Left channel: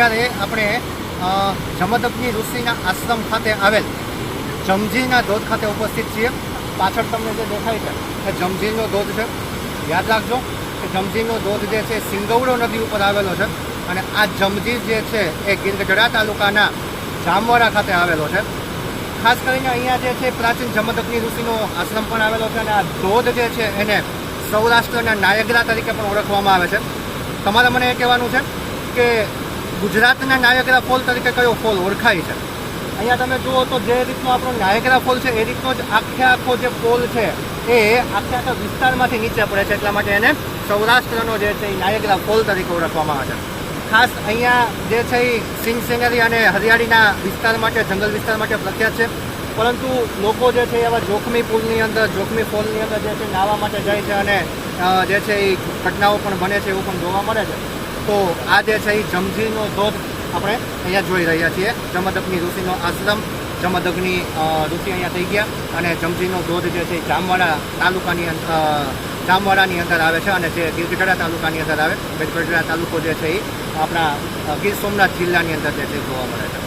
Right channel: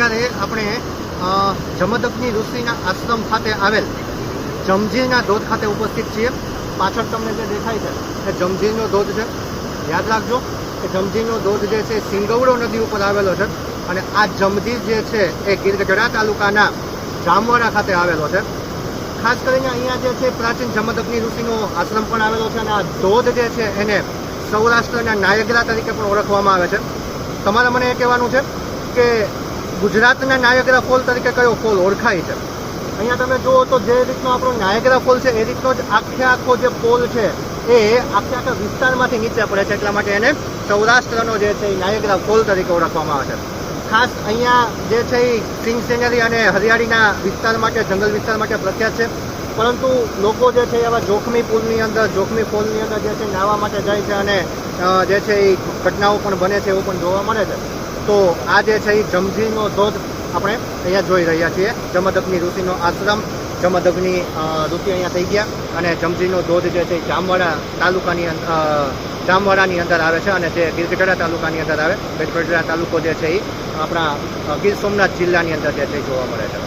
અત્યારે આપણે જમદગ્નિ ઋષિના આશ્રમ ખાતે આવેલ જમજીરના ધોધ ખાતે ઉપસ્થિત છીએ. પાછળ તમને જે દેખાય છે એ જમજીરનો ધોધ છે. યાદ રાખજો કે જમજીરનો ધોધ જે છે સિંગવડો નદી ઉપર આવેલો છે અને આ જમજીર જે છે એ ગીરગઢડા તાલુકાના જામવાડા ખાતે આવેલો છે. ખાસ કરીને અહીંયા જે છે પ્રાચીન જમદગ્નિ ઋષિનો આશ્રમ પણ આવેલો છે અને આ ધોધ જે છે એને સૌરાષ્ટ્રના નાયગ્રા તરીકે પણ ઓળખવામાં આવે છે. તમારે મને એ કહેવાનું છે કે ગુજરાતના નાયગ્રા ફોલ તરીકે કયો ફોલ ઓળખાય છે? અહીંયા તમે જુઓ તો જે રીતનો આપણો નાયગ્રા ફોલ છે એ રીતનો જ આખો જે ફોલ છે એ આખા વિસ્તારમાંથી નીચે પડે છે, એટલા માટે એને સૌરાષ્ટ્રનો જે છે એ નાયગ્રા ફોલ તરીકે ઓળખવામાં આવે છે. ખાસ અહીંયા જે છે એ સીન સિનરી અને હરિયાળીના વિસ્તાર માટે, જંગલ વિસ્તાર માટે પ્રખ્યાત છે. પરંતુ લોકો જે છે એવા જોખમી પુલની અંદર, જોખમી ફોલની અંદર જે છે નાહવા માટે જાય છે અને જે છે એ ઘટનાઓ પણ બને છે, એવું પણ જોવા મળે છે. તો આ જે છે એ જમજીરનો ધોધ આપણે અહીંયા જોઈ રહ્યા છીએ. જમદગ્નિ ઋષિનો આશ્રમ, જમદગ્નિ ઋષિ અહીંયા થઈ ગયા અને જમજીરનો ધોધ જે છે એ જામવાડાની અંદર આવે છે અને જે ગીરગઢડા તાલુકાની અંદર આવે. ગીરગઢડા તાલુકો જે છે એ આપણા ગીર સોમનાથ જિલ્લાની અંદર જે છે જોવા મળે છે.